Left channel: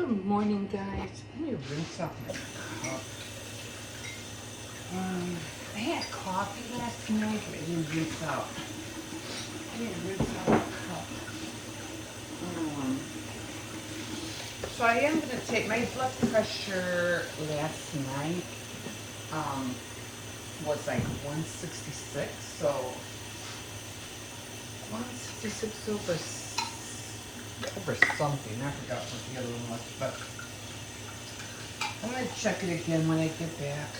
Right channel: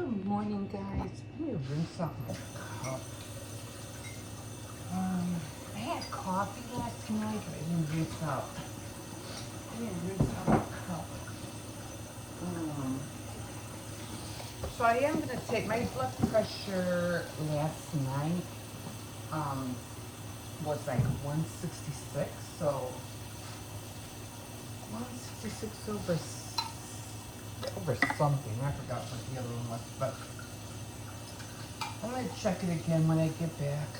Good morning, guys. Let me rinse off my cup. I had coffee last night, but I didn't rinse out. I didn't rinse out my cup. So I am going to take my blood pressure last night was like 166, so 166 over something. I forgot what the other one was, but I'm going to check it again when I get back.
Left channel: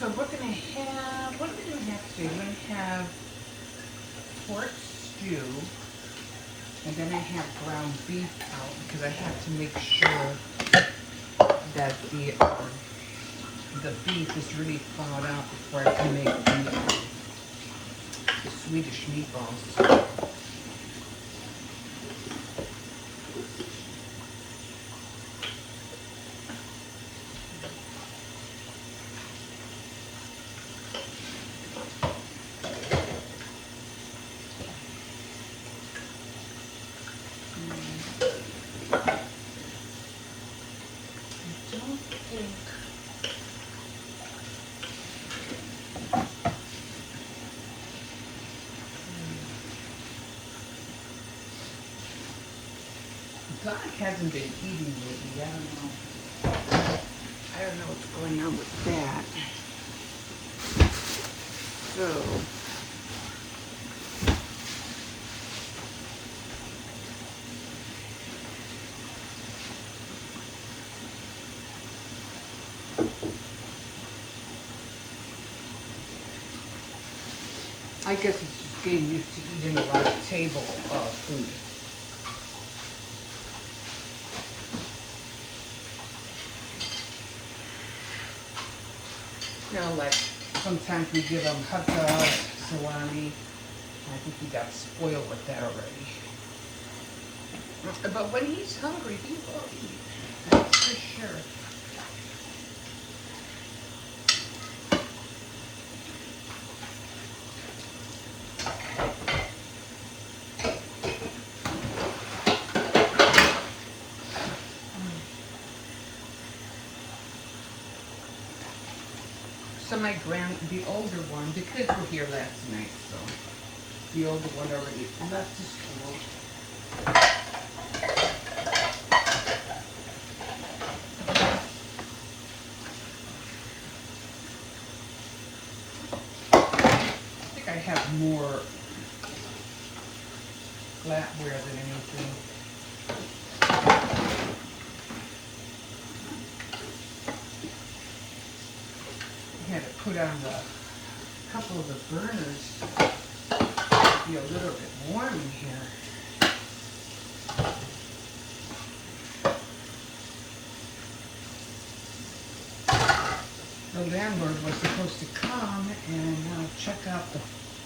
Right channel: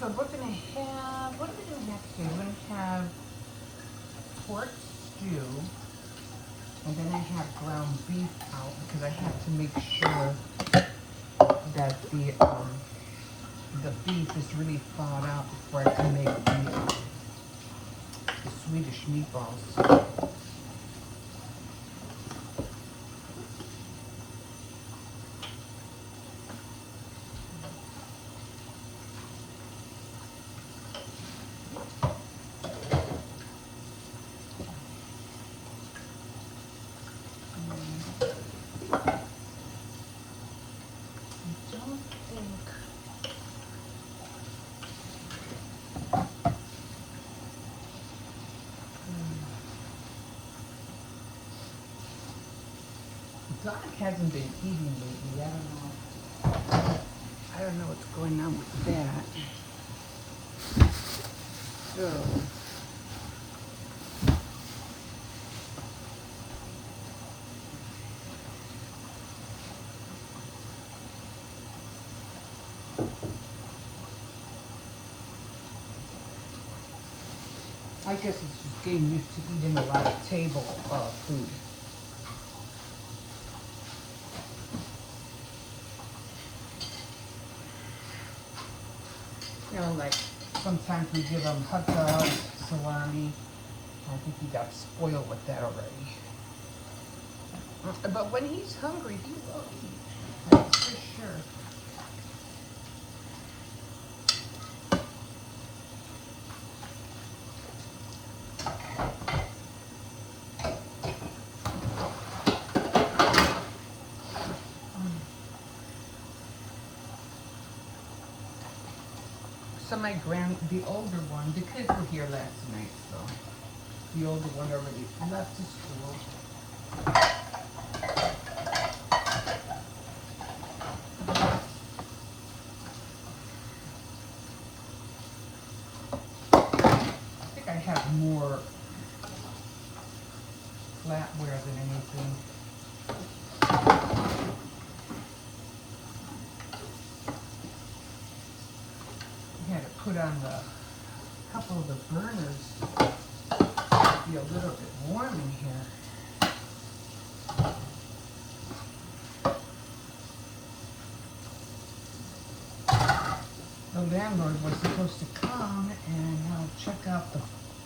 So we're gonna have, what are we gonna have today? We're gonna have pork stew, and then I have ground beef out because I have to make sure that the beef is really thawed out before I can make the Swedish meatballs. Doc hasn't been eating with me. I don't know what's going on with that. So I guess it's just getting used to eating a lot of table food. You know, like sometimes we give him hot dogs, salami. I think he got spoiled with that already. But when he's hungry, he will eat. That's for sure. So the older one, the kids were here last night, so the older one already left to school. I think I have more flatware than anything. I had to put on a couple of the burners to be a little bit warm in here. The landlord was supposed to come and check out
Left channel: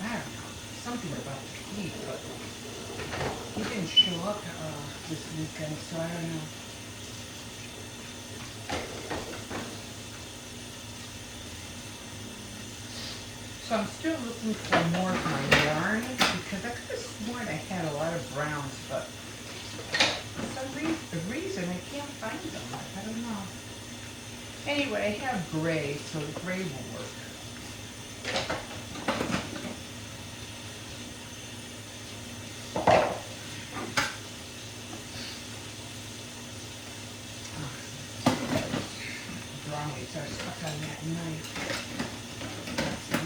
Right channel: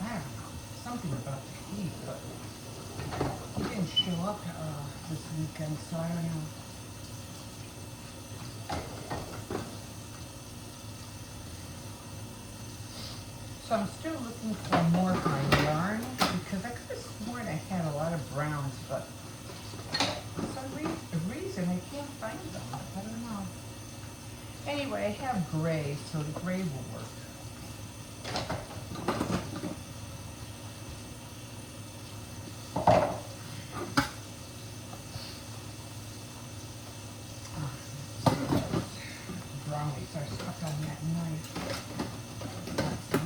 I don't know, something about the heat, but he didn't show up this weekend, so I don't know. So I'm still looking for more of my yarn because I could have sworn I had a lot of browns, but for some reason I can't find them. I don't know. Anyway, I have gray, so the gray will work. Brownies are stuck on that knife. That's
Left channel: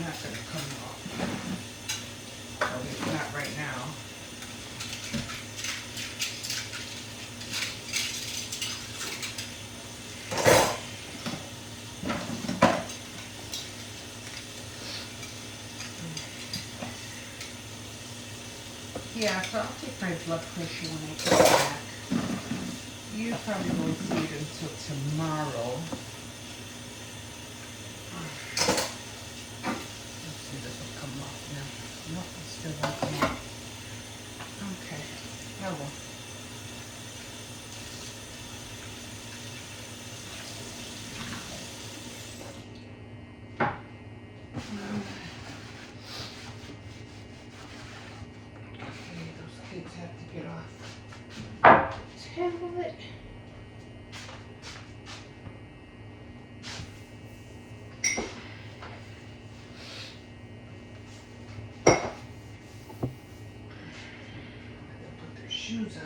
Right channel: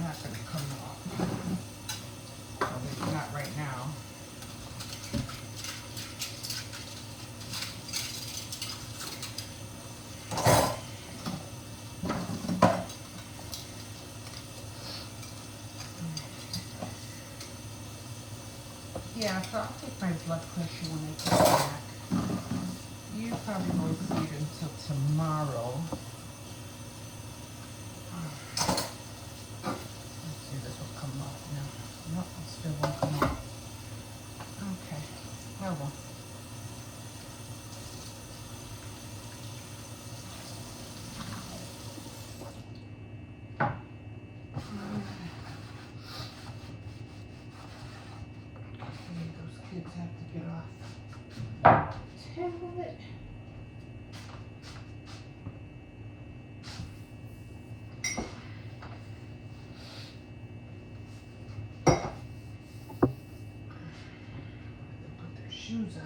Yeah, so I'll take my blood pressure when I get back. You probably won't see it until tomorrow. Let's see if this will come off now. Nope, it still won't come off. Okay. Oh well. Okay, those kids have to get off tablet. Put their shoes on.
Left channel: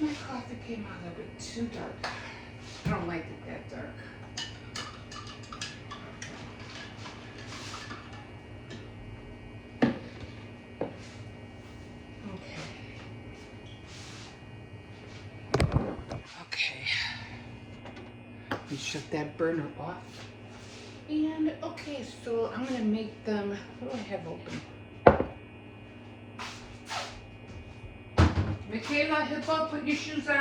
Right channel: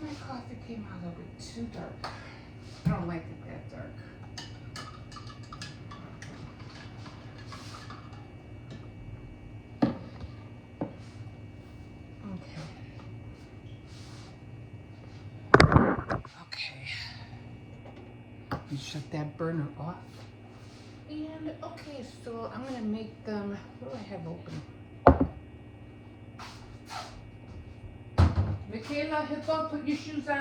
My coffee came out a little bit too dark. I don't like it that dark. Okay. We shut that burner off. And okay, so I'm gonna make them. What do I have open? Michaela, Hippo, put your shoes on.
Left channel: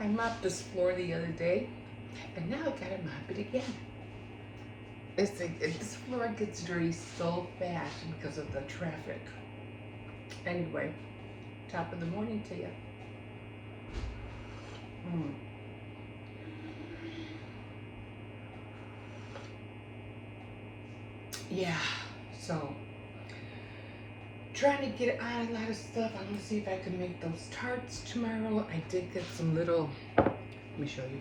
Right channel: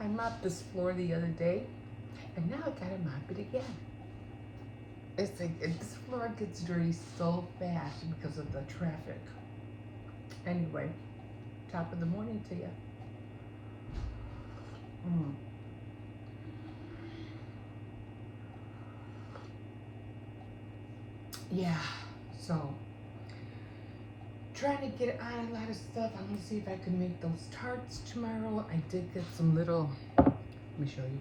I mopped this floor the other day, and now I gotta mop it again. This floor gets dirty so fast because of the traffic. Anyway, top of the morning to you. Yeah, so trying to get out a lot of stuff. I'm gonna see if I can make those tarts tomorrow. I did get some little, let me show you.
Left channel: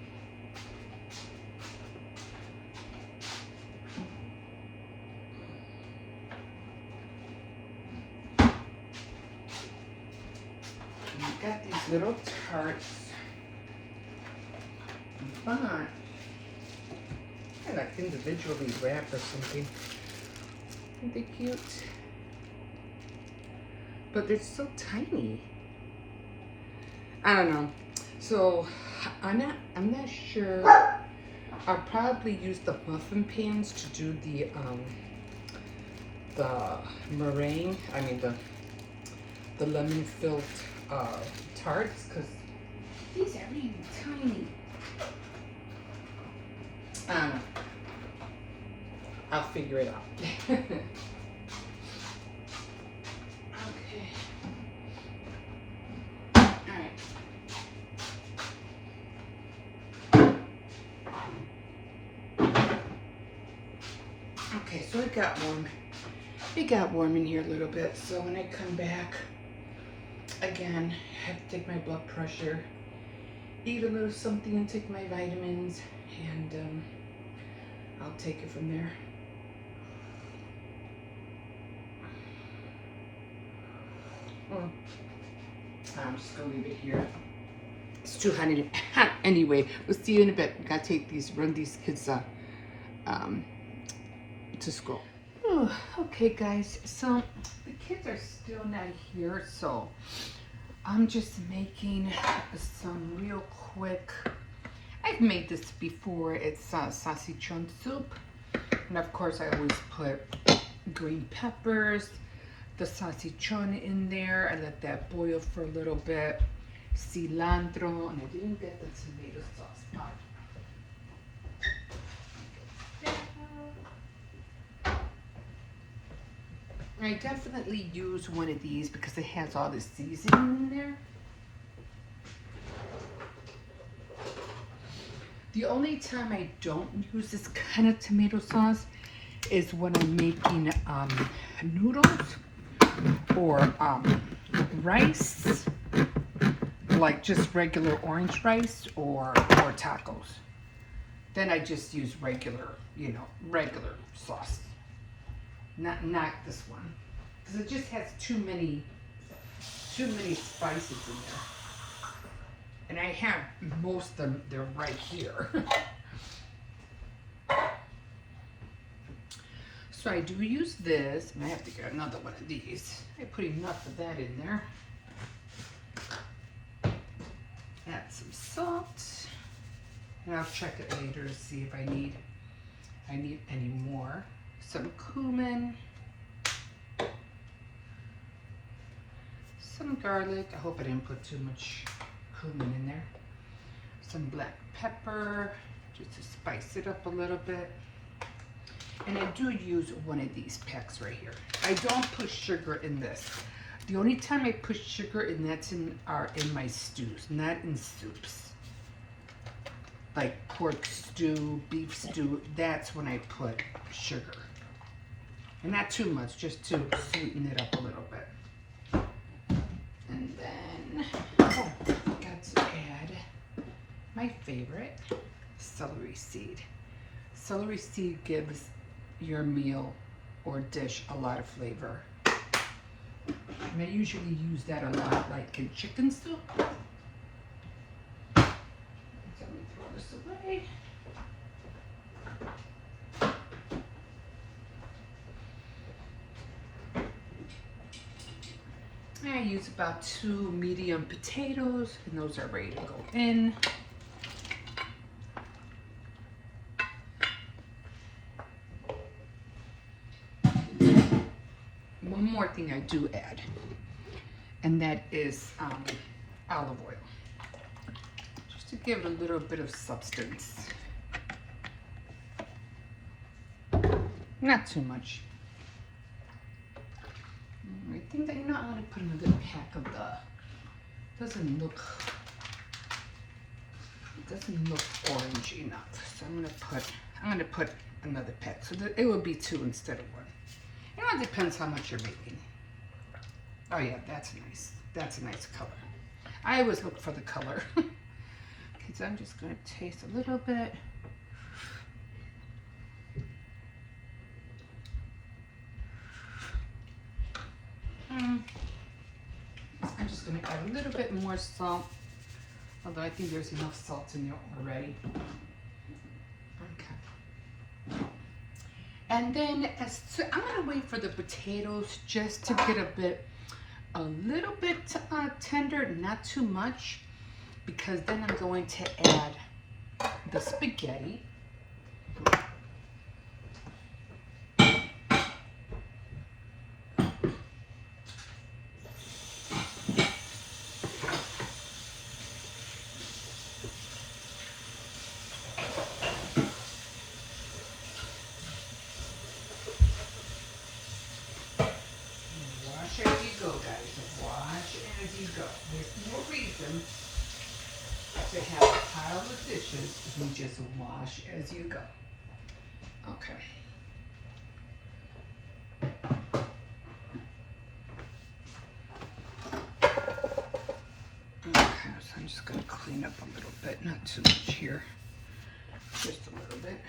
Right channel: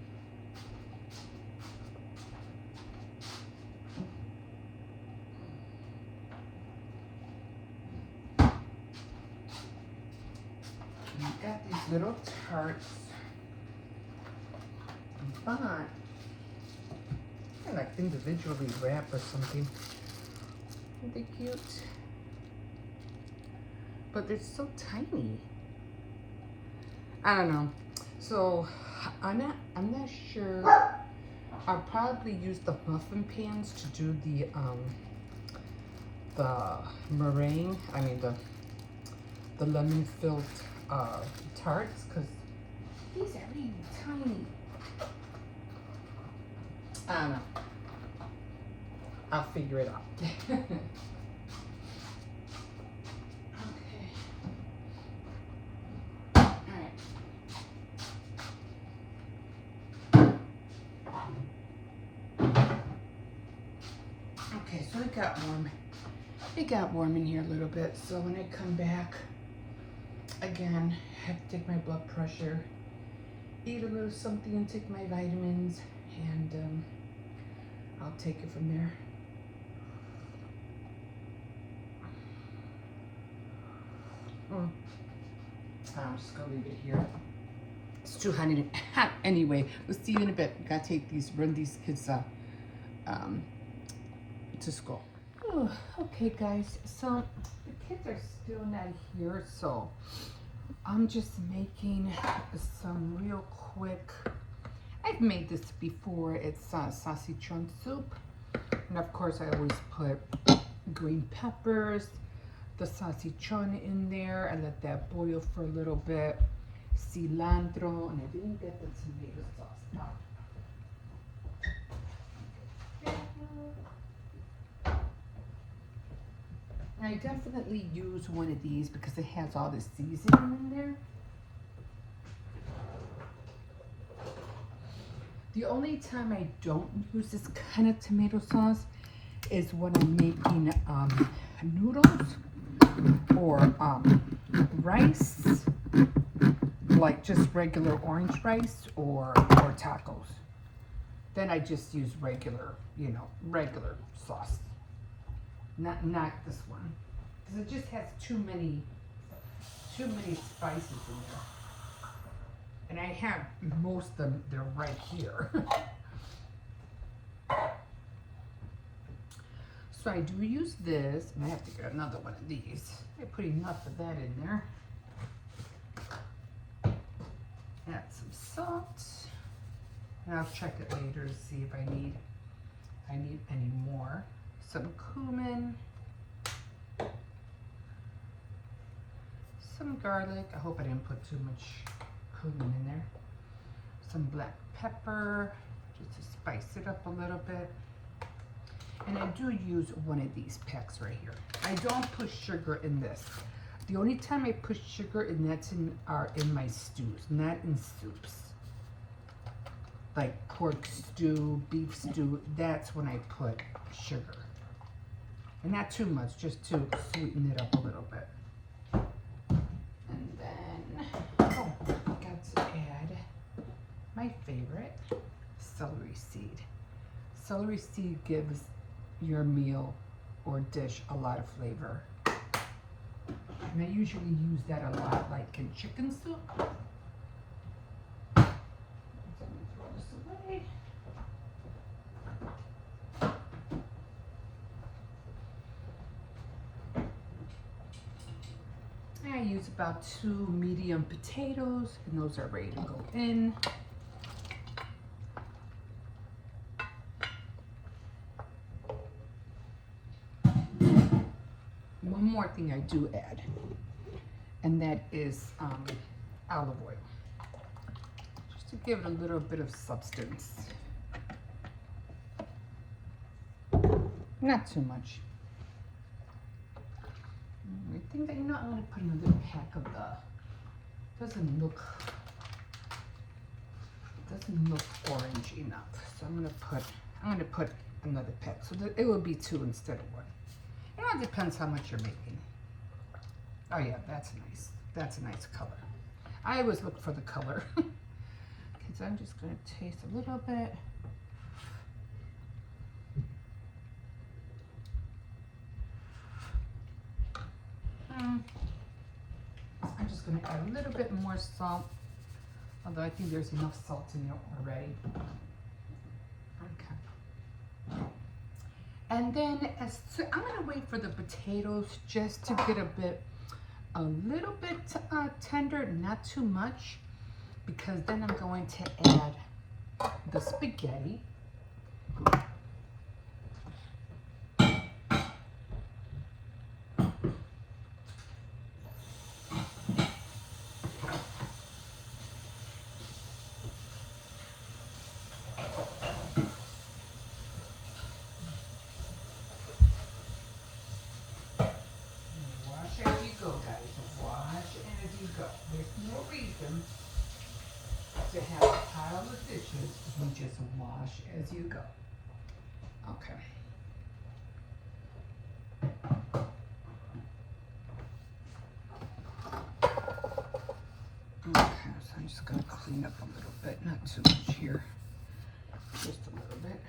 I got these little tarts. But I like individually wrapped or something. Aren't they cute? But they're so tiny. I don't know. So I'm not sure. I'll probably use the muffin pans to do the meringue. I mean the lemon filled tarts, because these are really tiny. I don't know. I'll figure it out. Okay, so it got warm. It got warm in here a little bit. So when I come back, again, I have to take my blood pressure, eat a little something and take my vitamins, and I'll take it from there. I'm just gonna leave it here. It's too hot anyway. We'll see you in a bit. Gotta run these kids to school. Oh, okay, guys. So the kids are still not here, so I'm just making some real quick. I've made this before. It's salchichon soup, and of course I always put green peppers, the salchichon in there. I let that boil for a little bit. Cilantro, and I didn't get the tomato sauce part. I definitely use one of these because it has all the seasoning in there. The only time I don't use this kind of tomato sauce is when I'm making noodles or rice, like just regular orange rice or tacos. Then I just use regular, regular sauce. Not this one, because it just has too many spices in there. And I have most of them, they're right here. So I do use this. I have to get another one of these. I put enough of that in there. Add some salt. And I'll check it later to see if I need any more. Some cumin. Some garlic. I hope I didn't put too much cumin in there. Some black pepper, just to spice it up a little bit. And I do use one of these packs right here. I don't put sugar in this. The only time I put sugar in are in my stews, not in soups. Like pork stew, beef stew, that's when I put sugar. And not too much, just to sweeten it up a little bit. And then, I forgot to add my favorite, celery seed. Celery seed gives your meal or dish a lot of flavor. And I usually use that a lot, like in chicken soup. So let me throw this away. I use about 2 medium potatoes, and those are ready to go in. One more thing I do add, and that is olive oil, just to give it a little bit of substance. Not too much. I think that, I'm going to put another pack of the, doesn't look orangey enough. So I'm going to put another pack, so that it will be 2 instead of 1. It depends how much you're making. Oh yeah, that's nice. That's a nice color. I always look for the color. Okay, so I'm just going to taste a little bit. I'm just going to add a little bit more salt, although I think there's enough salt in there already. Okay. And then I'm going to wait for the potatoes just to get a little bit tender, not too much, because then I'm going to add the spaghetti. You just wash as you go. Okay. Okay, so I'm just going to clean up a little bit, not too much here, just a little bit.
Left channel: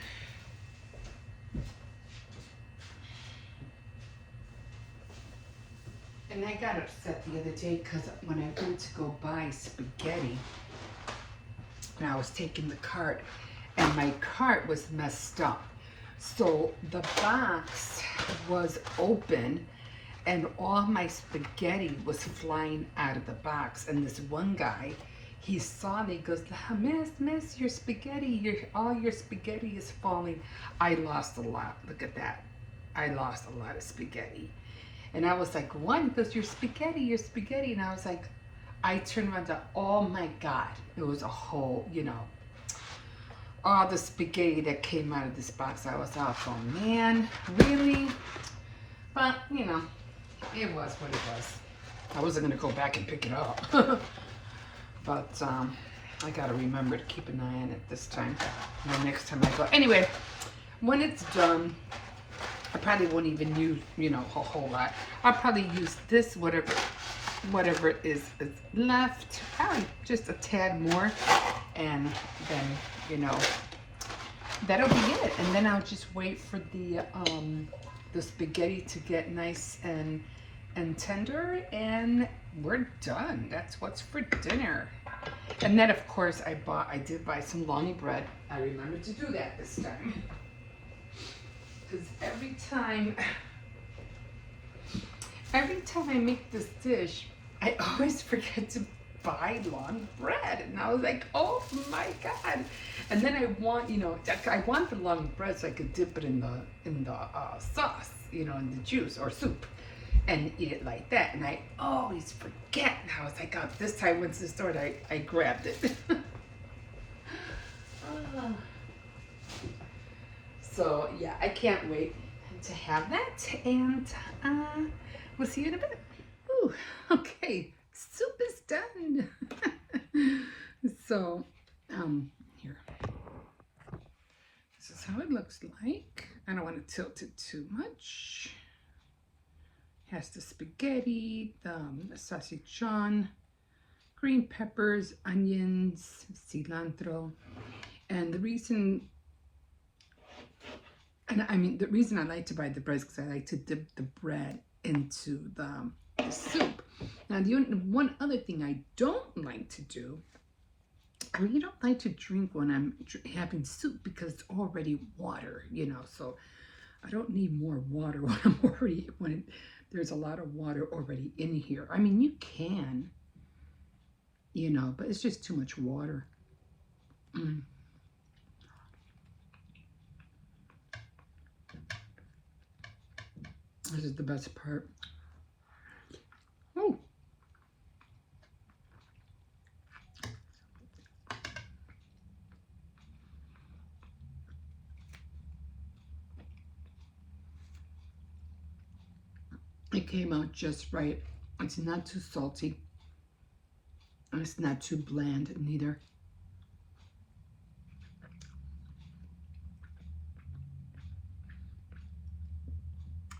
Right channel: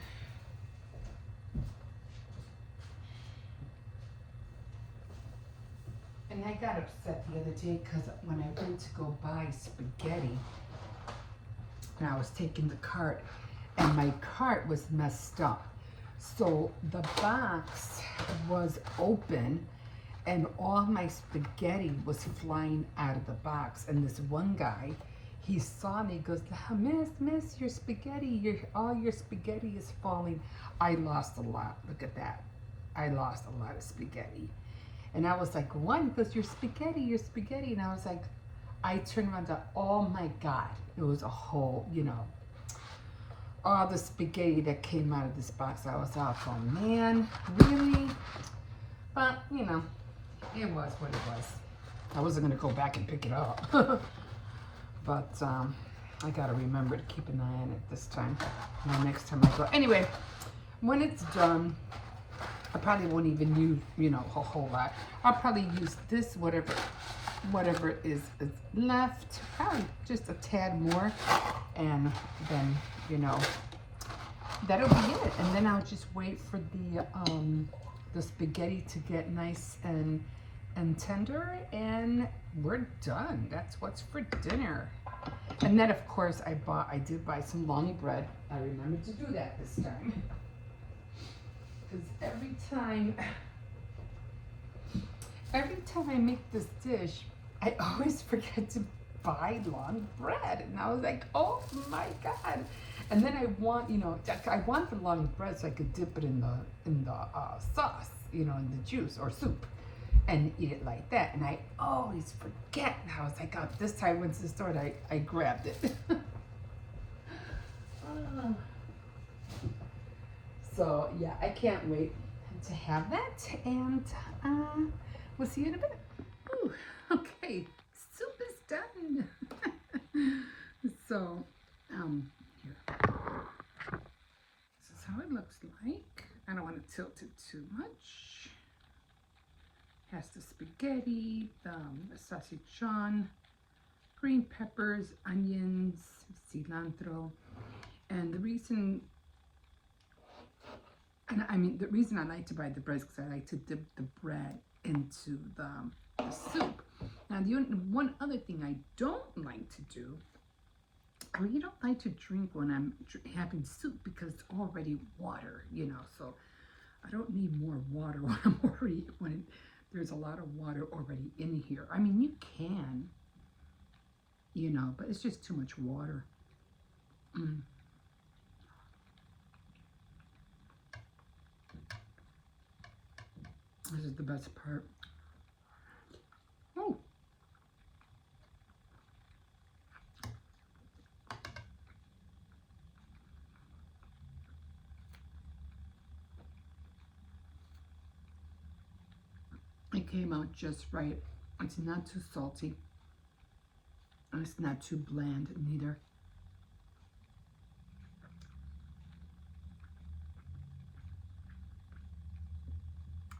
And I got upset the other day because when I went to go buy spaghetti, and I was taking the cart, and my cart was messed up. So the box was open, and all my spaghetti was flying out of the box. And this one guy, he saw me, goes, miss, your spaghetti, all your spaghetti is falling. I lost a lot. Look at that. I lost a lot of spaghetti. And I was like, what? He goes, your spaghetti. And I was like, I turned around and, oh my God, it was a whole, all the spaghetti that came out of this box. I was out going, man, really? But, It was what it was. I wasn't gonna go back and pick it up, but I gotta remember to keep an eye on it this time. And the next time I go. Anyway, when it's done, I probably won't even use, you know, a whole lot. I'll probably use this, whatever is left, probably just a tad more, and then, you know, that'll be it. And then I'll just wait for the spaghetti to get nice and tender, and we're done. That's what's for dinner. And then, of course, I did buy some longy bread. I remember to do that this time. Because every time I make this dish, I always forget to buy long bread. And I was like, oh my God. And then I want, you know, I want the long bread so I could dip it in the sauce, you know, in the juice or soup, and eat it like that. And I always forget. And I was like, oh, this time I went to the store and I grabbed it. So yeah, I can't wait to have that, and we'll see you in a bit. Ooh, okay, soup is done. So, here. This is how it looks like. I don't want to tilt it too much. Has the spaghetti, the salchichon, green peppers, onions, cilantro, and the reason I like to buy the bread is because I like to dip the bread into the soup. Now, the one other thing I don't like to do, I really don't like to drink when I'm having soup because it's already water, you know, so I don't need more water when there's a lot of water already in here. I mean, you can, you know, but it's just too much water. This is the best part. Oh. It came out just right. It's not too salty. And it's not too bland neither.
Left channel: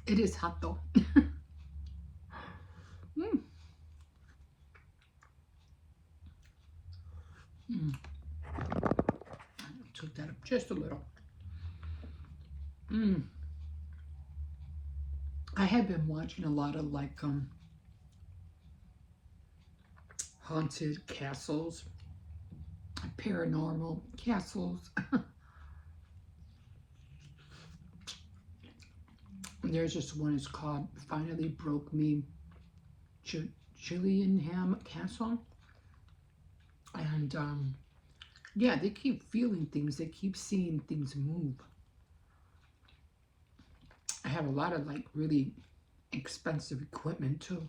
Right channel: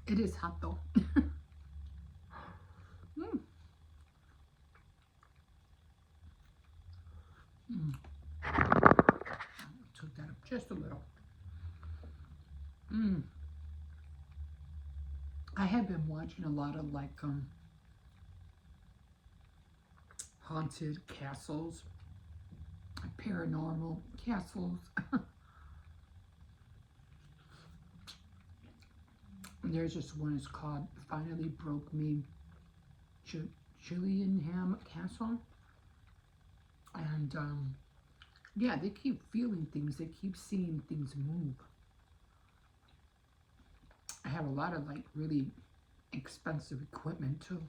It is hot though. Took that up just a little. I have been watching a lot of like haunted castles, paranormal castles. There's just one. It's called Finally Broke Me Gillingham Castle, and yeah, they keep feeling things. They keep seeing things move. I have a lot of like really expensive equipment too.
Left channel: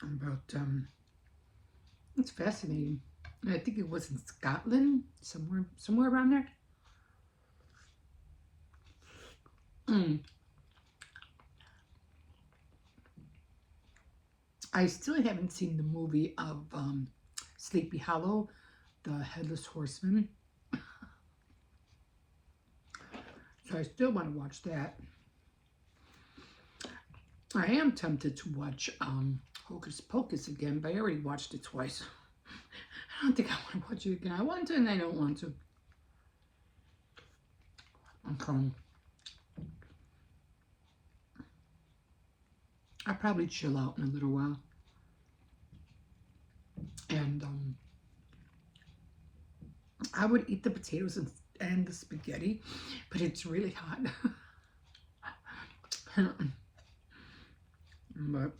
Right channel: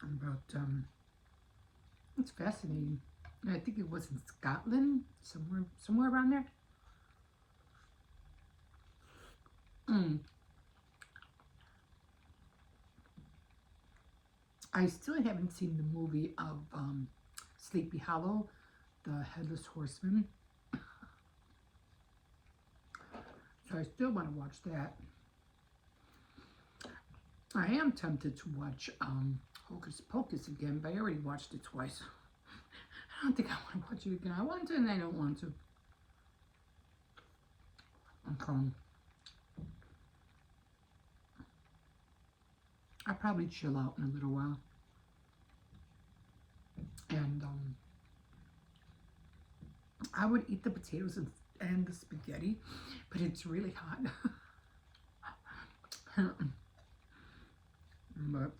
But it's fascinating. I think it was in Scotland, somewhere around there. I still haven't seen the movie of Sleepy Hollow, the Headless Horseman. So I still want to watch that. I am tempted to watch Hocus Pocus again, but I already watched it twice. I don't think I want to watch it again. I want to and I don't want to. Okay. I'll probably chill out in a little while. And I would eat the potatoes and the spaghetti, but it's really hot. But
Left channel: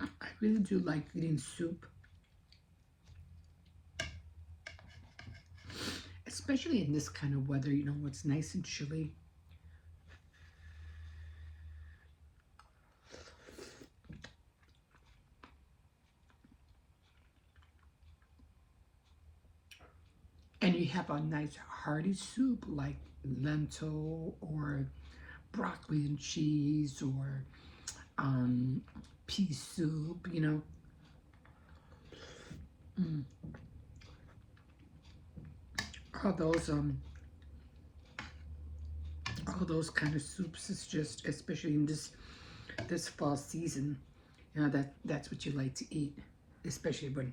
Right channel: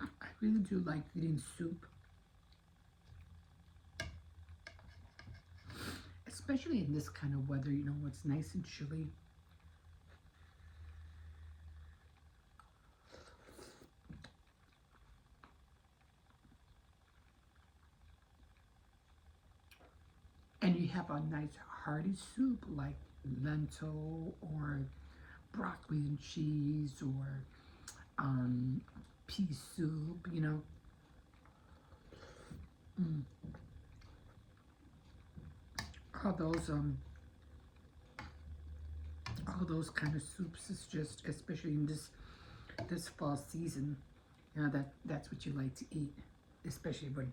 I really do like eating soup, especially in this kind of weather, you know, it's nice and chilly. And you have a nice hearty soup like lentil or broccoli and cheese or um, pea soup, you know. Mm. All those all those kind of soups is just, especially in this fall season, you know, that's what you like to eat, especially when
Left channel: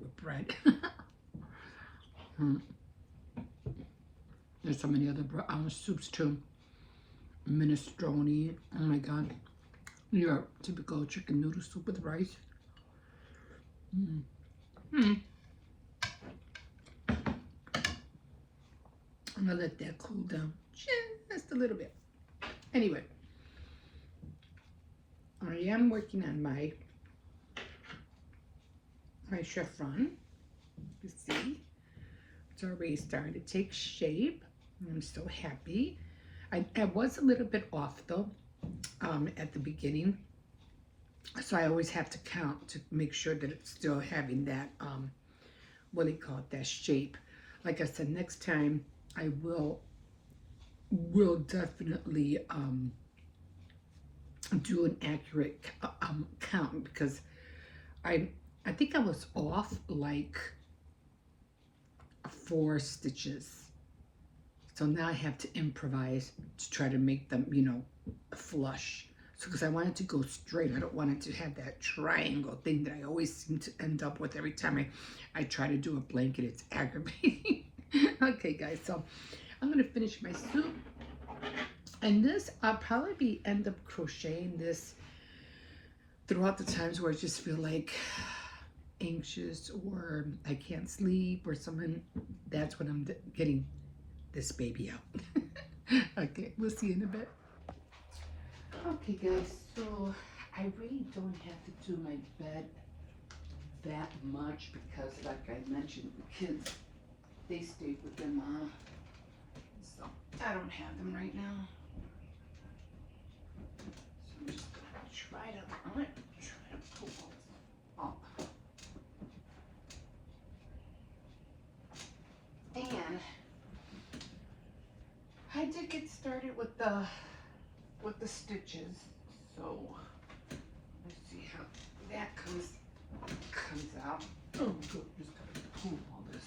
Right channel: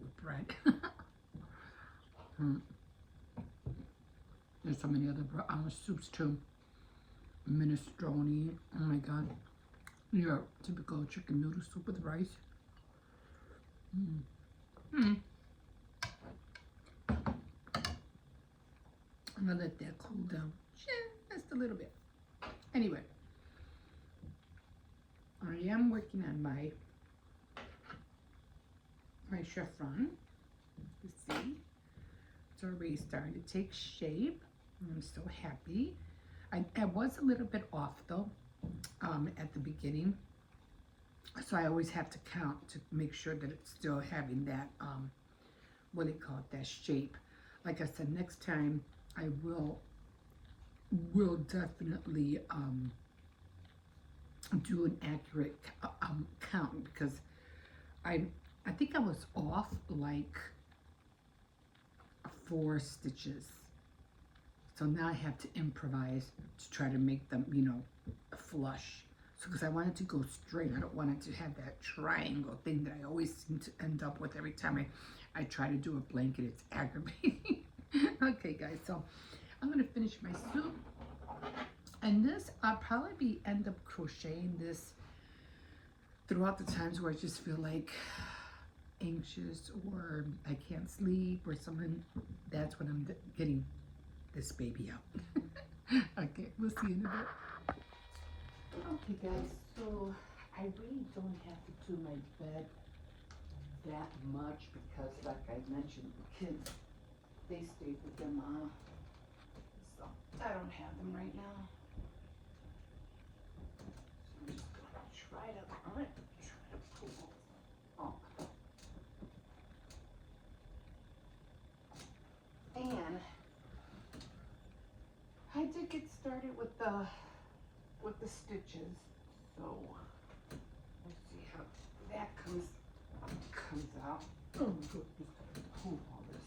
with bread. Mm. There's so many other soups too. Minestrone, oh my god, your typical chicken noodle soup with rice. Mm. Mm. I'm gonna let that cool down just a little bit. Anyway, I am working on my chiffon. You see, it's already starting to take shape. I'm so happy. I was a little bit off though at the beginning, so I always have to count to make sure that it's still having that what do you call it, that shape. Like I said, next time I will definitely do an accurate count, because I I think I was off like 4 stitches. So now I have to improvise to try to make them, you know, flush. So because I want it to go straight, I don't want it to have that triangle thing that I always seem to end up with every time I try to do a blanket. It's aggravating. Okay, guys, so I'm gonna finish my soup. And this, I'll probably be end up crocheting this throughout the times where I just feel like anxious or I can't sleep or something. That's when I'm getting this baby out. Okay, we'll see in a bit. Okay, guys, so I really don't have to do my bed that much because, like I mentioned, the kids, they stayed with their mom. So I don't have them right now. So I'm just gonna try to pull up. And I did get started with the stitches. So let's see how that comes out. Oh, good. Just gotta pull all this.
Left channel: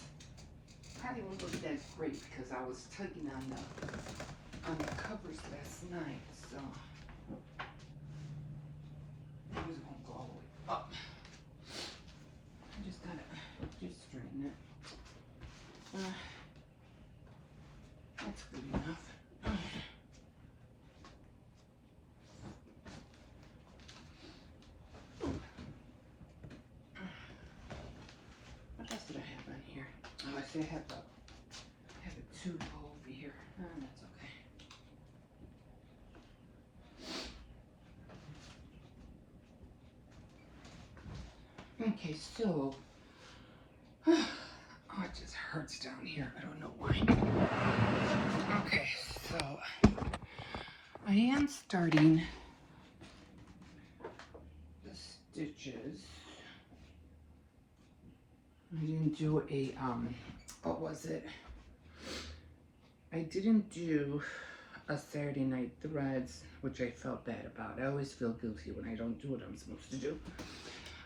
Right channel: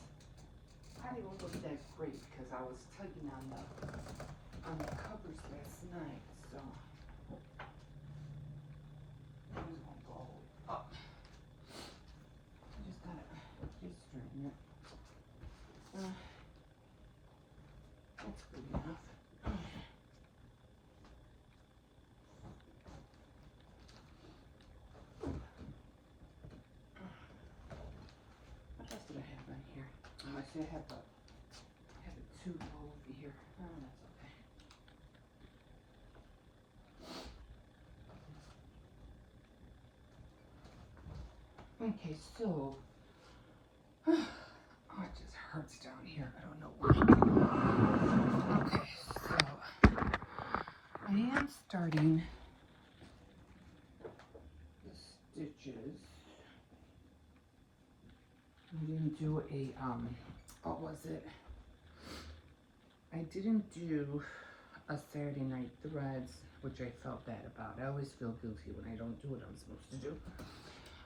Probably won't look that great because I was tugging on the covers last night. So this won't go all the way up. I just gotta just straighten it. That's good enough. What else did I have on here? Oh, I see I have a tube over here. That's okay. Okay, so oh, it just hurts down here. I don't know why. Okay, so I am starting the stitches. I didn't do a what was it? I didn't do a Saturday Night Threads, which I felt bad about. I always feel guilty when I don't do what I'm supposed to do.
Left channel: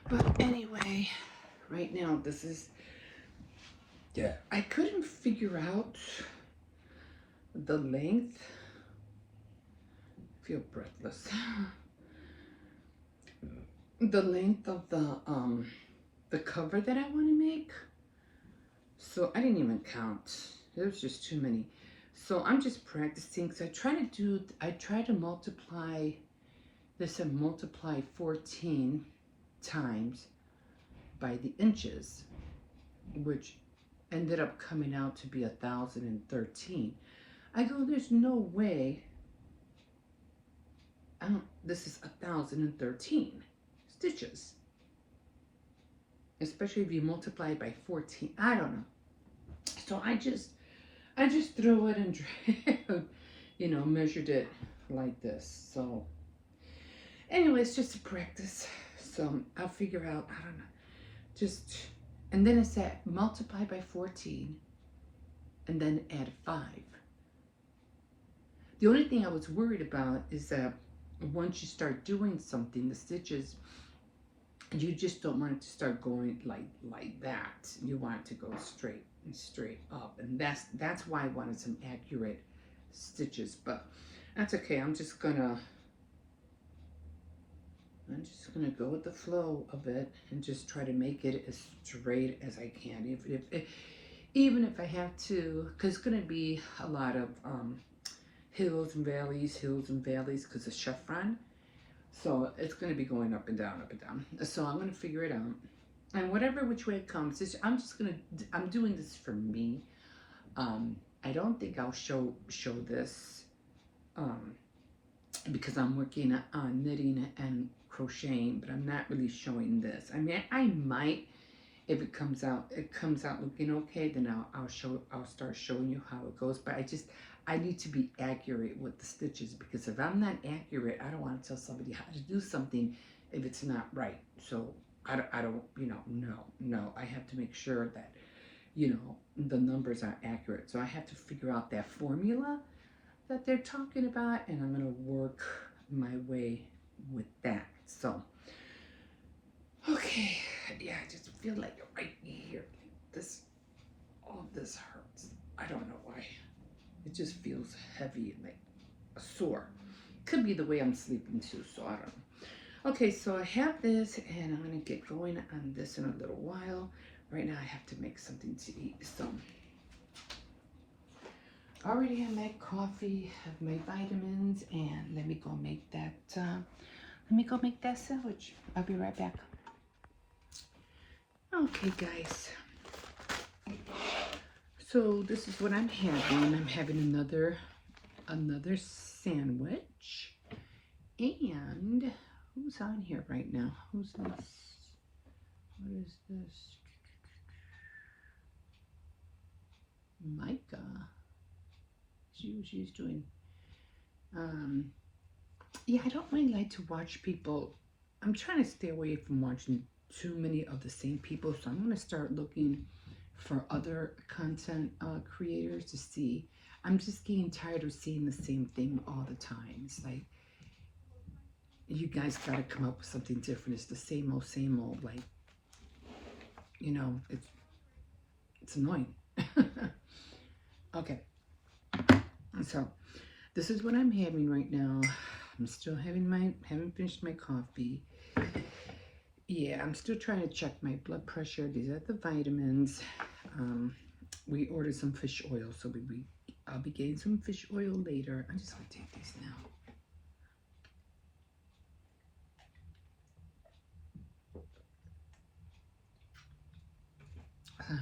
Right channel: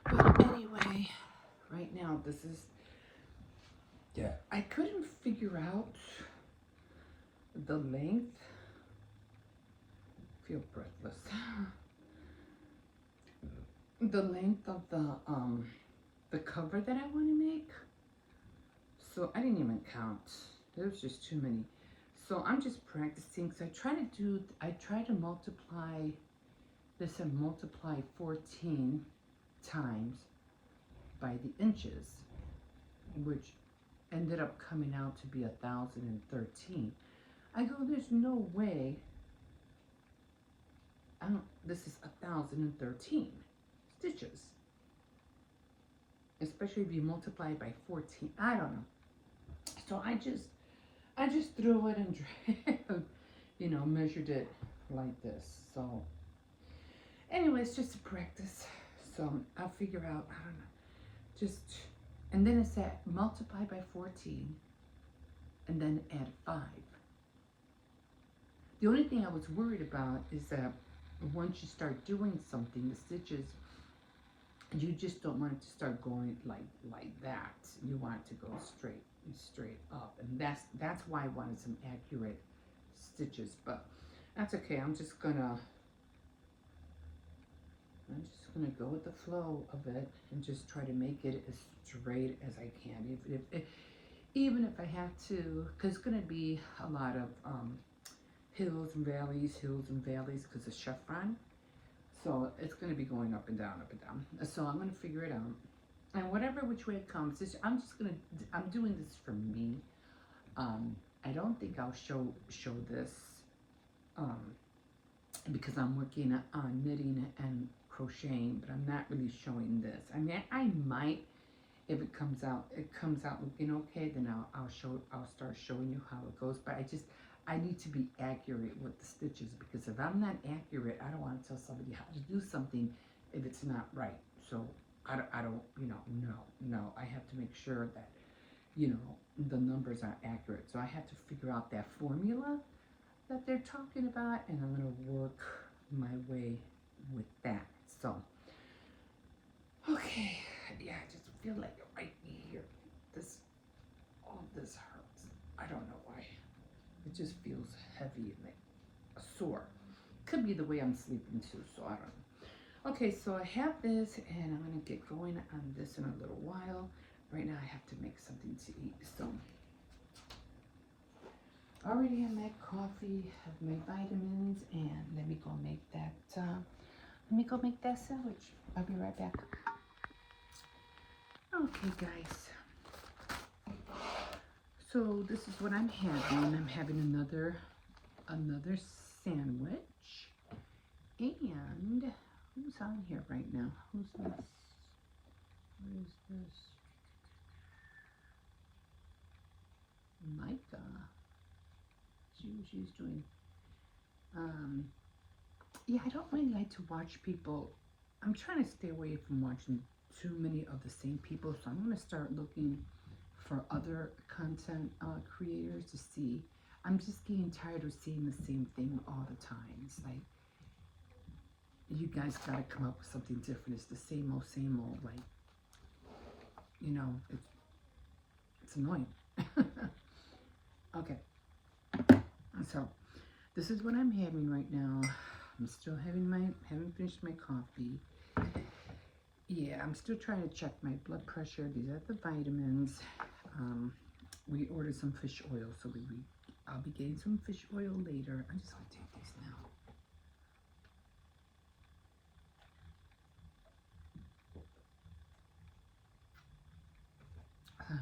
But anyway, right now this is, yeah, I couldn't figure out the length. I feel breathless. The length of the cover that I want to make. So I didn't even count. There was just too many. So I'm just practicing. So I try to multiply this and multiply 14 times by the inches, which ended up coming out to be 1,013. I go, there's no way. This is 1,013. stitches, especially if you multiply it by 14. I don't know. So I just threw it and measured it like this. So anyway, it's just a practice. So I'll figure out, I don't know, and then it said multiply by 14 and then add 5. The only thing I was worried about is that once you start doing something, the stitches, you just don't want it to start going like that. You want it to go straight up, and that's why I wanted some accurate stitches. But that's okay. I'm just gonna go with the flow of it and just try to make it as straight as I can. Even if I have to, because it's gonna be a lot of hills and valleys, because of chiffon. So it's going to be going up and down, up and down. So I'm going to figure it out. And whatever which way it comes, I'm doing this for me. I don't think I'll show this because I'm working on knitting and crocheting, but I'm not really showing this. I mean, I might, if it comes out looking okay, then I'll start showing you how it goes. But I need to be accurate with the stitches, because if I'm not accurate, I don't want to tell somebody how to do something if it's not right. So I don't, no, I have to make sure that, the numbers are accurate. So I have to figure out that formula that they're talking about, and I'm going to work my way with that. So, okay, yeah, I just feel like right here, all this hurts. I don't know why. It just feels heavy and like sore. Could be the way I'm sleeping too, so I don't know. Okay, so I have this, and I'm gonna get going on this in a little while. Right now I have to make something to eat. So I already have my coffee, have my vitamins, and let me go make that sandwich. I'll be right back. Okay, guys. So this is what I'm having. I'm having another sandwich. And who's on here right now? Who's this? What is this? Micah. See what she's doing. Yeah, I don't really like to watch people. I'm trying to stay away from watching too many of the same people. So I'm going to start looking for other content creators to see. I'm just getting tired of seeing the same thing all the time. It's like, you guys got to come up with something different. It's the same old, like, it's annoying. Okay, so this is what I'm having right now. I'm still haven't finished my coffee. Yeah, I'm still trying to check my blood pressure. These are the vitamins. We ordered some fish oil, so I'll be getting some fish oil later. I'm just gonna take these now.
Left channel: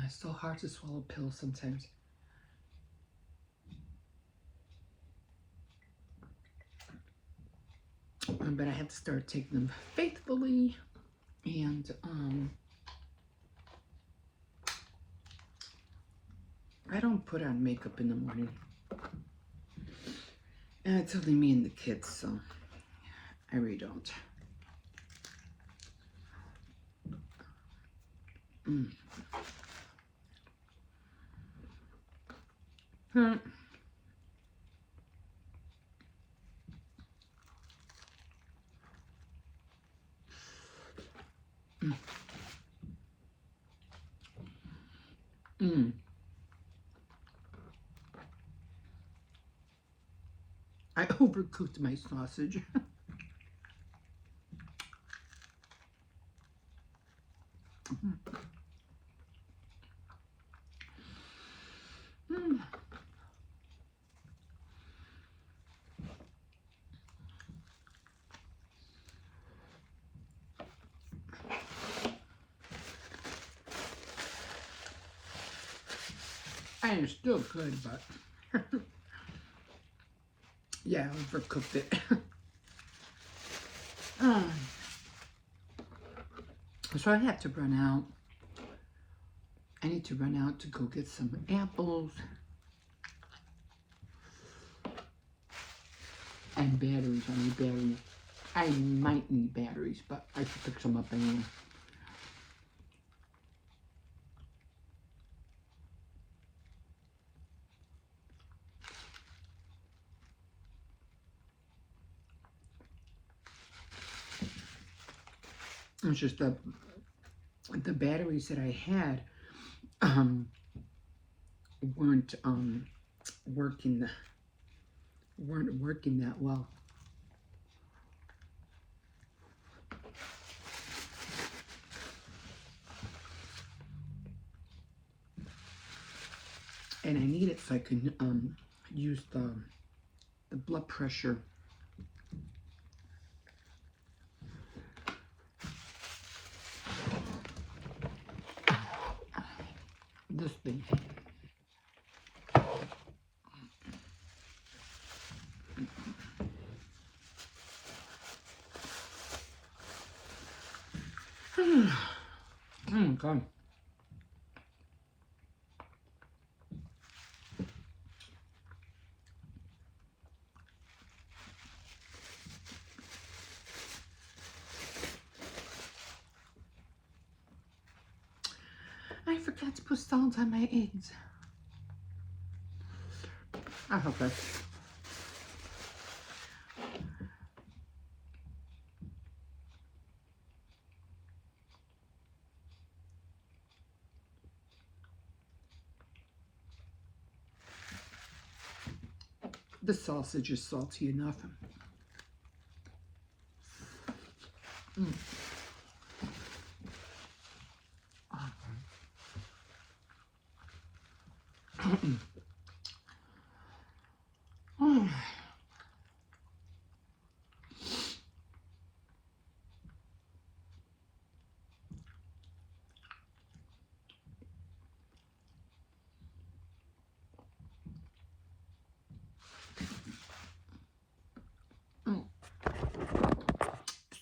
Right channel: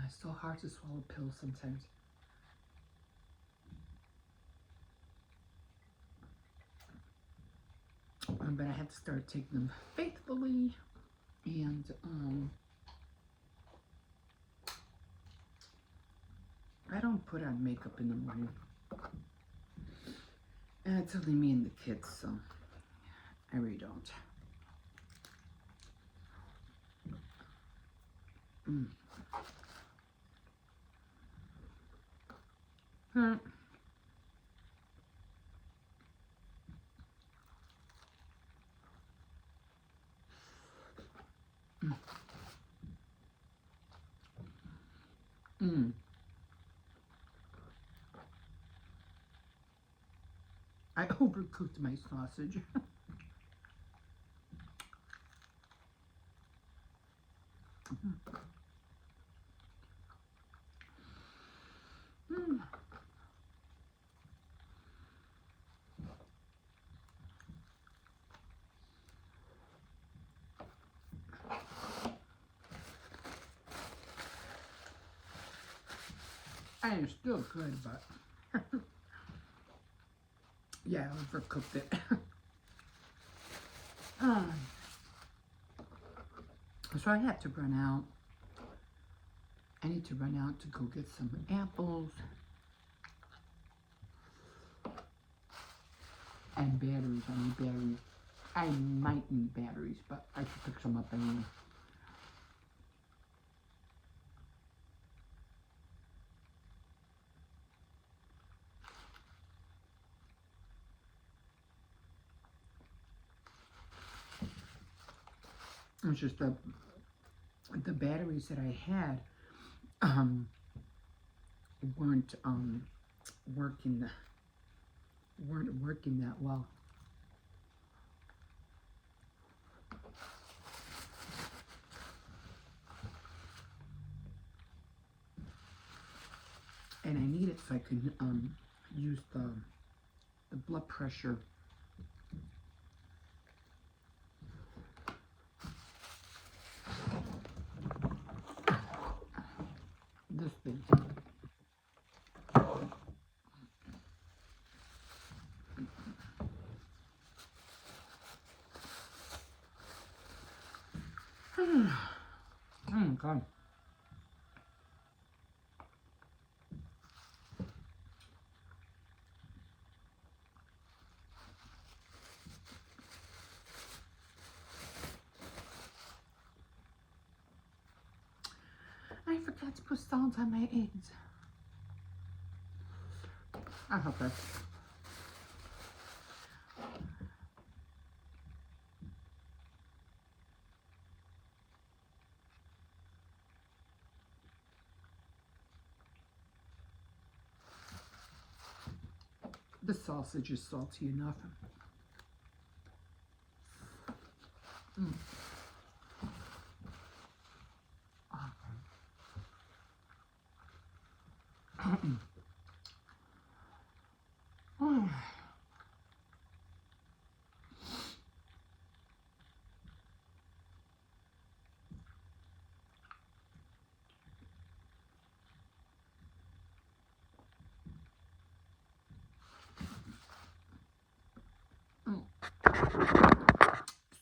It's so hard to swallow pills sometimes. But I have to start taking them faithfully, and I don't put on makeup in the morning. And it's only me and the kids, so I really don't. I overcooked my sausage. I am still good, but yeah, I overcooked it. So I had to run out. I need to run out to go get some apples and batteries. I need batteries. I might need batteries, but I should pick some up anyway. It's just the batteries that I had weren't working that well. And I need it so I can use the blood pressure. This thing. Oh my god. I forgot to put salt on my eggs. I hope that. The sausage is salty enough. Mm.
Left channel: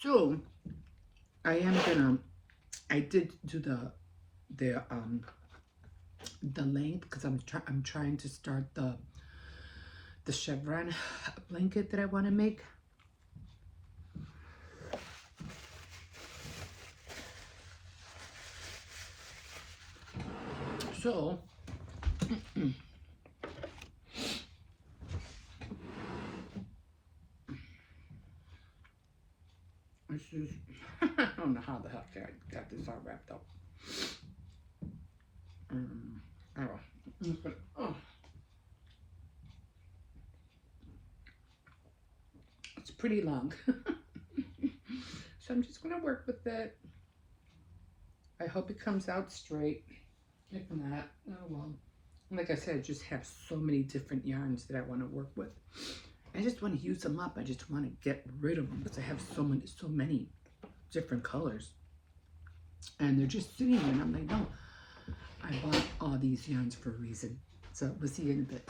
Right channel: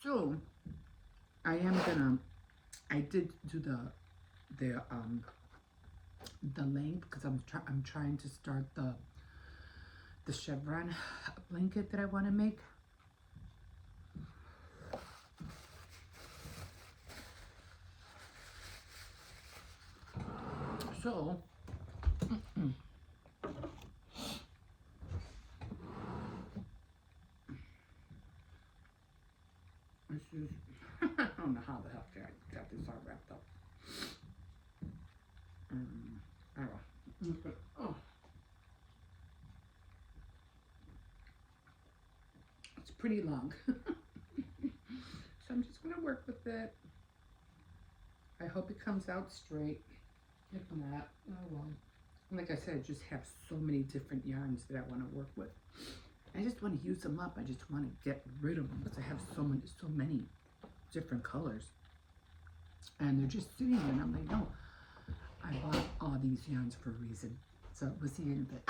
So I am gonna. I did do the length because I'm trying to start the chevron blanket that I want to make. So this is I don't know how the heck I got this all wrapped up. Oh, it's pretty long. So I'm just gonna work with it. I hope it comes out straight. If not, oh well. Like I said, I just have so many different yarns that I want to work with. I just want to use them up. I just want to get rid of them because I have so many different colors. And they're just sitting there and I'm like, no, I bought all these yarns for a reason. So we'll see you in a bit.